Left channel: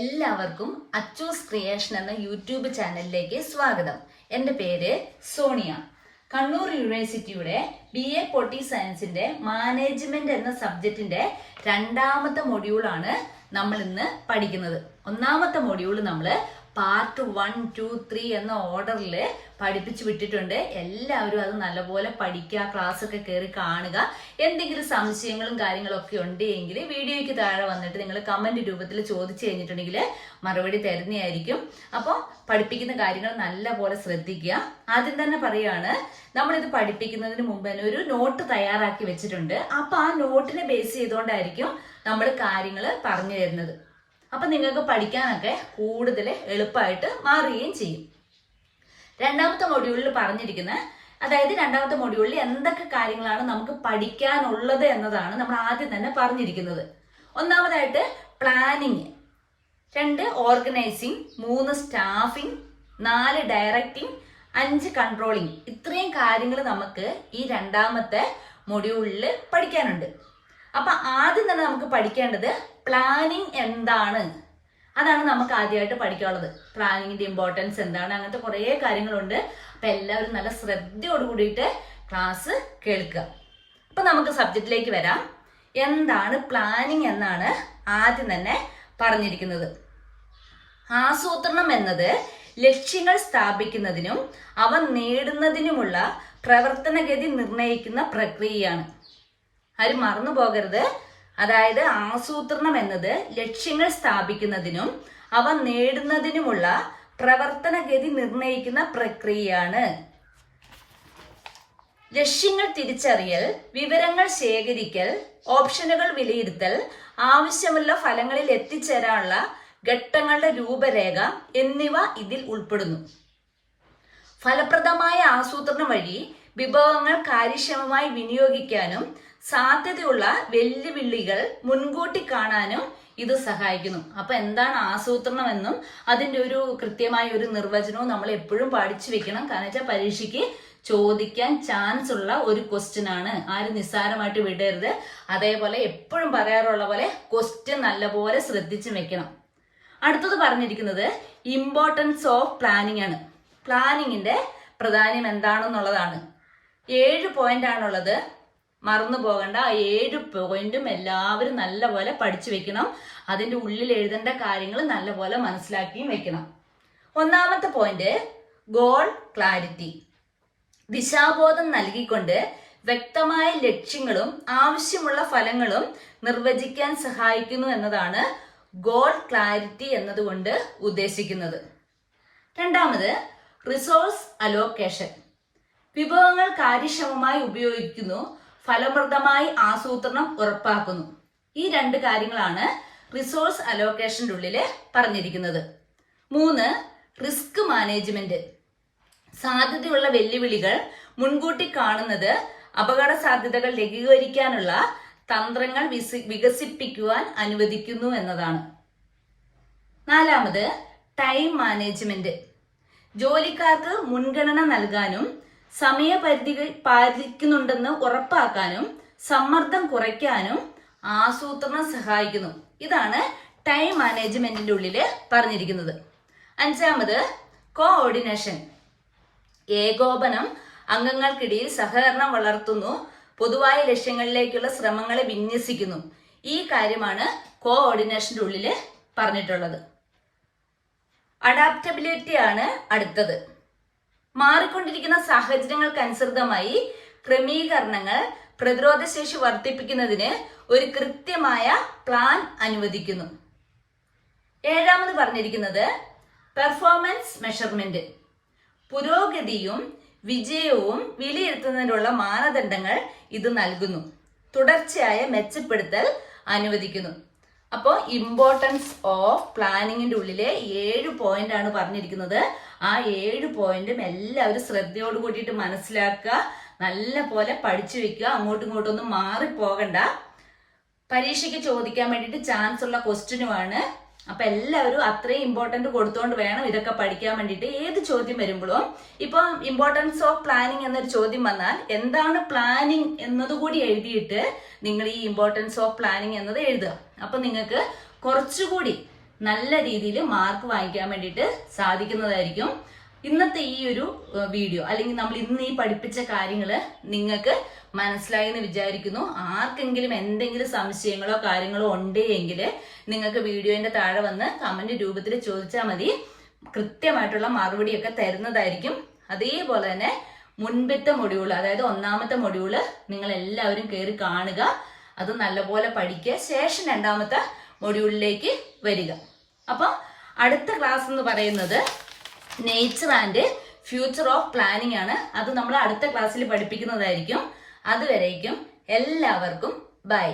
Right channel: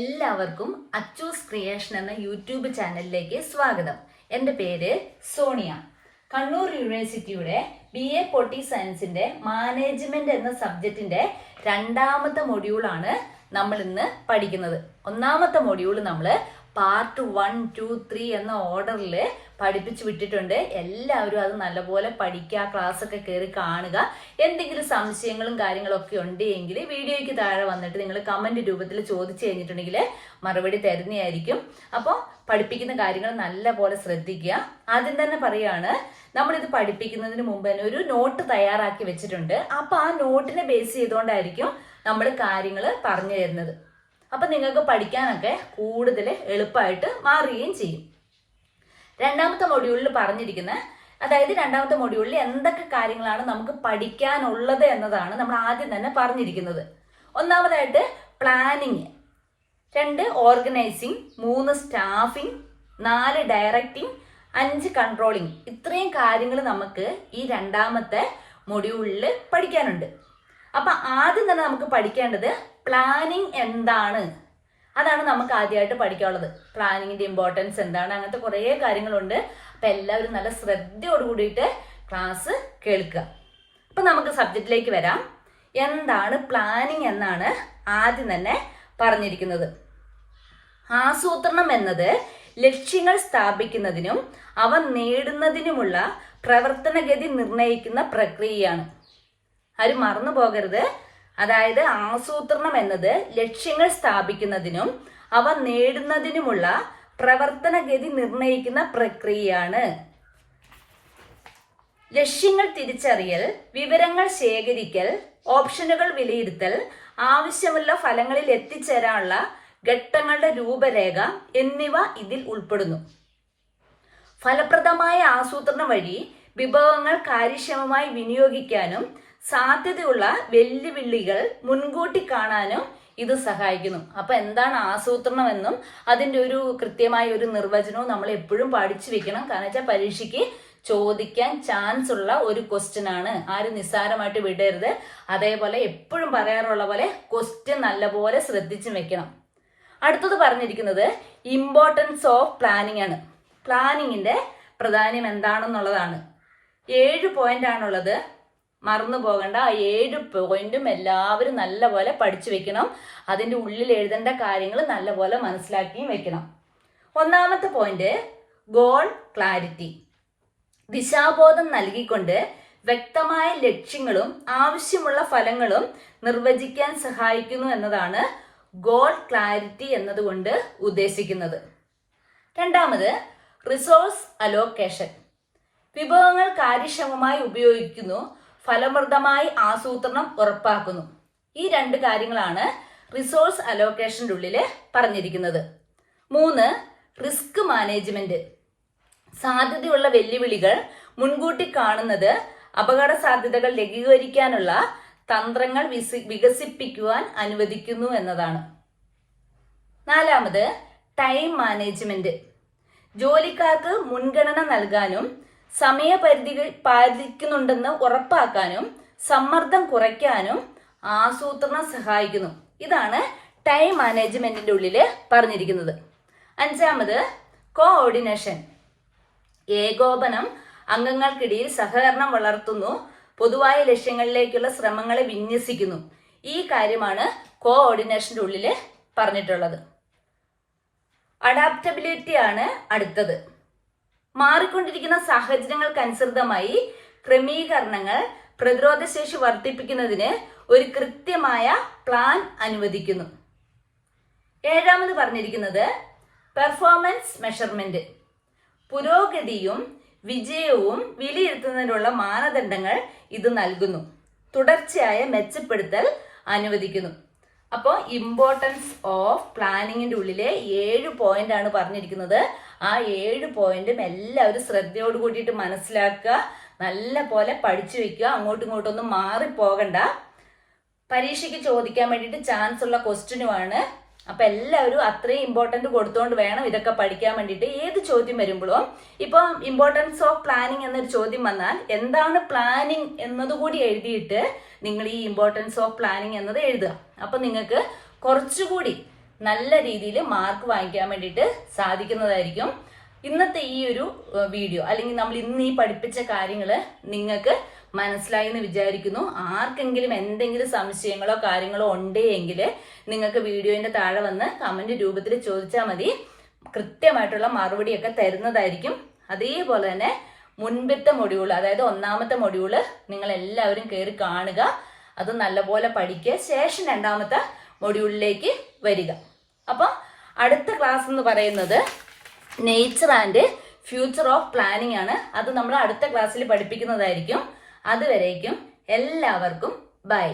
എല്ലാവർക്കും അച്ചൂസ് ക്രിയേഷൻ എന്ന യൂട്യൂബ് ചാനലിലേക്ക് സ്വാഗതം. എൻ്റെ പേര് സോണിയ. കണ്ണൂർ യൂണിവേഴ്സിറ്റിയുടെ BA പൊട്ടി സയൻസിന്റെ മാനേജ്മെന്റ് എന്ന സബ്ജക്റ്റിന്റെ രണ്ടാമത്തെ മൊഡ്യൂളാണ് നമ്മൾ ഇന്ന് പഠിക്കുന്നത്. ഒന്നാമത്തെ മൊഡ്യൂൾ നമ്മൾ പാർട്ട് 1, 2, 3 എന്ന ഓർഡറിൽ പഠിപ്പിച്ചു വിട്ടിട്ടുണ്ട്. എല്ലാവരും അത് നല്ലപോലെ പഠിക്കുക, ക്ലാസ് ഒക്കെ കയറി കാണുക. എന്തെങ്കിലും സംശയങ്ങളും കാര്യങ്ങളൊക്കെ ഉണ്ടെങ്കിൽ വീഡിയോയ്ക്ക് താഴെ വന്നിട്ട് നിങ്ങൾ കമന്റ് രൂപത്തിൽ ചോദിച്ചു കഴിഞ്ഞിട്ടുണ്ടെങ്കിൽ മറുപടി തരുന്നതായിരിക്കും. അപ്പോൾ പഠിപ്പിക്കുന്ന കാര്യങ്ങൾ നല്ലപോലെ ശ്രദ്ധിക്കുക. ആദ്യം തന്നെ പറയാണ്, നമ്മളിത് പഠിപ്പിക്കുന്നതിന് മുമ്പ് തന്നെ ഒരു നോട്ട് തയ്യാറാക്കി വെച്ചിട്ടുണ്ട്. അപ്പൊ ആ നോട്ടിനെ ബേസ് ചെയ്തുകൊണ്ടായിരിക്കും നമ്മൾ കാര്യങ്ങൾ പറഞ്ഞു തരുന്നത്. അപ്പൊ നിങ്ങൾക്ക് പഠിക്കാനൊക്കെ കൂടുതൽ എളുപ്പമായിട്ട് മാറുകയും ചെയ്യും. രണ്ടാമത്തെ മൊഡ്യൂളിൽ പറഞ്ഞിരിക്കുന്ന, അതായത് രണ്ടാമത്തെ മൊഡ്യൂളിൽ എന്തൊക്കെ കാര്യങ്ങളാണ് നമുക്ക് പഠിക്കാനുള്ളത് എന്നതാണ് നമ്മൾ ആദ്യം തന്നെ പറഞ്ഞിരിക്കുന്നത്. ഒന്നാമതായിട്ട് planning, 2 organising, 3 staffing, 4 directing, 5 controlling. ഇത്രയും കാര്യങ്ങൾ നമുക്ക് ഈ രണ്ടാമത്തെ മൊഡ്യൂളിൽ പഠിക്കാനുണ്ട്. അപ്പൊ ആദ്യം തന്നെ നമുക്ക് പഠിക്കേണ്ടത് പ്ലാനിങ് എന്താണ്, അതാണ് നമുക്ക് ആദ്യമായിട്ട് പഠിക്കാനുള്ളത്. പ്ലാനിങ്ങിന്റെ ഇമ്പോർട്ടൻസ് എന്താണ്, അങ്ങനത്തെ കുറേ കാര്യങ്ങളുണ്ട്. അപ്പൊ എല്ലാവരും നല്ല ശ്രദ്ധയോട് കൂടിയിട്ട് ക്ലാസ് കേൾക്കുക. അപ്പൊ നമുക്ക് സബ്ജക്റ്റിലേക്ക് വരാം. എന്താണ് പ്ലാനിങ് എന്നാണ് ആദ്യം തന്നെ പറഞ്ഞിരിക്കുന്നത്. ആസൂത്രണം എന്നത് ലക്ഷ്യങ്ങൾ സ്ഥാപിക്കുന്നതിനും അവ നേടുന്നതിനുമുള്ള പ്രവർത്തനഗതി നിർണ്ണയിക്കുന്ന പ്രക്രിയയാണ്. ആരും മറന്നു പോകരുത്. അതായത് ആസൂത്രണം എന്നത് ലക്ഷ്യങ്ങൾ സ്ഥാപിക്കുന്നതിനും അവ നേടുന്നതിനുമുള്ള പ്രവർത്തനഗതി നിർണ്ണയിക്കുന്ന പ്രക്രിയയാണ്. ലക്ഷ്യങ്ങൾ തിരിച്ചറിയൽ, വിവരങ്ങൾ ശേഖരിക്കൽ, ഓപ്ഷനുകൾ വിലയിരുത്തൽ, ആവശ്യമുള്ള ഫലങ്ങളിൽ എത്തിച്ചേരാനുള്ള ഘട്ടങ്ങളുടെ രൂപരേഖ എന്നിവ ഇതിൽ ഉൾപ്പെടുന്നു. ഫലപ്രദമായ ആസൂത്രണം വഴി വിഭവങ്ങൾ കാര്യക്ഷമമായി വിനിയോഗിക്കാനും സാധ്യതയുള്ള വെല്ലുവിളികൾ മുൻകൂട്ടി കാണാനും ഇത് സഹായിക്കുന്നു. അപ്പൊ എന്താണ് ആസൂത്രണം എന്നും അതിന്റെ ഒരു കൃത്യമായ ഒരു നിർവചനവും നമ്മൾ എപ്പോഴും പഠിച്ചു വെക്കണം. കാരണം വെച്ചാൽ പരീക്ഷയ്ക്ക് ചോദിക്കാൻ ചാൻസ് ഉള്ള ഒരു ക്വസ്റ്റ്യൻ ആണ്. ആരും നിസ്സാരമായിട്ട് വിടരുത്. അതേപോലെ എപ്പോഴും പറയാറുള്ള പോലെ ക്വസ്റ്റ്യൻ നല്ലപോലെ ശ്രദ്ധിച്ചു വെക്കണം. അടുത്തത് പറഞ്ഞിരിക്കുന്നത് ഇമ്പോർട്ടൻസ് ഓഫ് പ്ലാനിങ് ആണ്. പ്ലാനിങ്ങിന്റെ പ്രാധാന്യം എന്താണെന്നുള്ളതാണ്. 7 പോയിന്റ് ആണുള്ളത്. മറന്നു പോകണ്ട. ആ 7 പോയിന്റും എല്ലാവരും നല്ലപോലെ പഠിച്ചു വെക്കണം. അതിൻ്റെ ഉള്ളിൽ എഴുതേണ്ട കാര്യങ്ങൾ നല്ലപോലെ മനസ്സിലാക്കിയും വെക്കണം. ഒന്നാമത്തെ പോയിന്റ് ഗോൾ ക്ലാരിറ്റി. ദിശാബോധം നൽകിക്കൊണ്ട് വ്യക്തമായ ലക്ഷ്യങ്ങളും ആവശ്യമുള്ള ഫലങ്ങളും നിർവചിക്കാൻ സഹായിക്കുന്നു എന്നതാണ് ഗോൾ ക്ലാരിറ്റി എന്നതുകൊണ്ട് ഉദ്ദേശിക്കുന്നത്. രണ്ടാമത് റിസോഴ്സ് അലോക്കേഷൻ. വിഭവങ്ങൾ കാര്യക്ഷമമായി ഉപയോഗിക്കുന്നു, ഫലപ്രദമായി ആസൂത്രണം ഉറപ്പാക്കുന്നു. ഈ 2 കാര്യങ്ങളാണ് റിസോഴ്സ് അലോക്കേഷൻ്റെ ഉള്ളിൽ പറഞ്ഞിരിക്കുന്നത്. 3 റിസ്ക് മാനേജ്മെന്റ്. സാധ്യതയുള്ള വെല്ലുവിളികൾ മുൻകൂട്ടി കാണുന്നത് അപകട സാധ്യതകൾ ലഘൂകരിക്കാനുള്ള തന്ത്രങ്ങൾ വികസിപ്പിക്കുവാൻ അനുവദിക്കുന്നു എന്നതാണ്. 4 ടൈം മാനേജ്മെന്റ്. ജോലിക്കാർക്ക് മുൻഗണന നൽകാനും സമയപരിധികൾ പാലിക്കുന്നുണ്ടെന്ന് ഉറപ്പാക്കാനും സമ്മർദ്ദം കുറയ്ക്കാനും ആസൂത്രണം സഹായിക്കുന്നു. ഇതാണ് ടൈം മാനേജ്മെന്റിന്റെ ഉള്ളിൽ പറഞ്ഞിരിക്കുന്നത്. 5 കോഓർഡിനേഷൻ. ഏകോപനം, അംഗങ്ങൾക്കിടയിൽ സഹകരണം വളർത്തുന്നു, പൊതുവായ ലക്ഷ്യങ്ങളിലേക്കുള്ള ശ്രമങ്ങളെ വിന്യസിക്കുന്നു. ഈ കാര്യമാണ് കോഓർഡിനേഷന്റെ ഉള്ളിൽ പറഞ്ഞിട്ടുള്ളത്. അഡാപ്റ്റബിലിറ്റി ആണ് അടുത്തത്. മാറിക്കൊണ്ടിരിക്കുന്ന സാഹചര്യങ്ങൾക്കനുസൃതമായി ക്രമീകരണങ്ങൾ പ്രതിരോധശേഷി വർദ്ധിപ്പിക്കുന്നതിന് ഒരു കൃത്യമായ പ്ലാൻ അനുവദിക്കുന്നു. 7 പറഞ്ഞിരിക്കുന്നത് പെർഫോമൻസ് മെഷർമെന്റ്. പുരോഗതിയും വിജയവും വിലയിരുത്തുന്നതിനുള്ള മാനദണ്ഡങ്ങൾ ഇത് നൽകുന്നു. തുടർച്ചയായ മെച്ചപ്പെടുത്തൽ അനുവദിക്കുന്നു. അപ്പോൾ ഇമ്പോർട്ടൻസ് ഓഫ് പ്ലാനിങ്ങിന്റെ ഉള്ളിലെ 7 പോയിന്റ് ആണ് പറഞ്ഞിരിക്കുന്നത്. ആ 7 പോയിന്റും എല്ലാവരും ശ്രദ്ധയോട് കൂടിയിട്ട് മനസ്സിലാക്കുക, നല്ല പോലെ പഠിച്ചു വെക്കുക. അങ്ങോട്ടും ഇങ്ങോട്ടൊന്നും മാറിപ്പോകണ്ട. പരീക്ഷയ്ക്ക് ചോദിക്കാൻ വേണ്ടിയിട്ട് ചാൻസ് ഉള്ള ക്വസ്റ്റ്യനുമാണ്. അപ്പൊ എല്ലാവരും അത്രയും ഇമ്പോർട്ടന്റ് കൊടുത്തുകൊണ്ട് വേണം ഇതൊക്കെ പഠിക്കാൻ വേണ്ടിയിട്ട്. ഏത് ചോദ്യം വരുമ്പോഴും ഇപ്പൊ ഇമ്പോർട്ടൻസ് ഓഫ് പ്ലാനിങ് എന്നൊരു ചോദ്യം വന്നാൽ എന്താണ് പ്ലാനിങ് എന്നതുകൂടി എഴുതിയിട്ട് നിങ്ങൾ ഈ ഇമ്പോർട്ടൻസ് ഓഫ് പ്ലാനിങ് എന്നത് എഴുതുക. അപ്പൊ നിങ്ങൾക്ക് കുറച്ചുകൂടി നല്ല രീതിയിൽ മാർക്ക് വാങ്ങിക്കാൻ വേണ്ടിയിട്ട് സാധിക്കുന്നതായിരിക്കും. ഇന്നത്തെ ഈ ഒരു വീഡിയോ അല്ലെങ്കിൽ നമ്മൾ ഇന്ന് ഈ പഠിപ്പിച്ച കാര്യങ്ങൾ നിങ്ങൾക്ക് മനസ്സിലായി എന്ന് വിചാരിക്കുന്നു. ആർക്കെങ്കിലും എന്തെങ്കിലും സംശയങ്ങളോ കാര്യങ്ങളോ ഉണ്ട് എങ്കിൽ നിങ്ങൾക്ക് വീഡിയോന്റെ താഴെ വന്ന് കമന്റ് രൂപത്തിൽ ചോദിച്ചാൽ മതി. കൃത്യമായിട്ടുള്ള മറുപടിയൊക്കെ തരുന്നതായിരിക്കും. അതേപോലെ തന്നെ മുൻപത്തെ മൊഡ്യൂൾ, അതായത് 1ാമത്തെ മൊഡ്യൂള് നിങ്ങൾ എല്ലാവരും കയറി കാണുക, അത് നല്ലപോലെ പഠിക്കുക. ശേഷം 2ാമത്തെ മൊഡ്യൂളിലേക്ക് വരിക. അപ്പം അടുത്ത ക്ലാസ് എന്ന് പറയുന്നത് nature and future of planning ആണ്. അത് നമ്മൾ അടുത്ത ക്ലാസ്സിൽ പഠിപ്പിക്കുന്നതായിരിക്കും. അതുവരേക്കും എല്ലാവർക്കും ബൈ.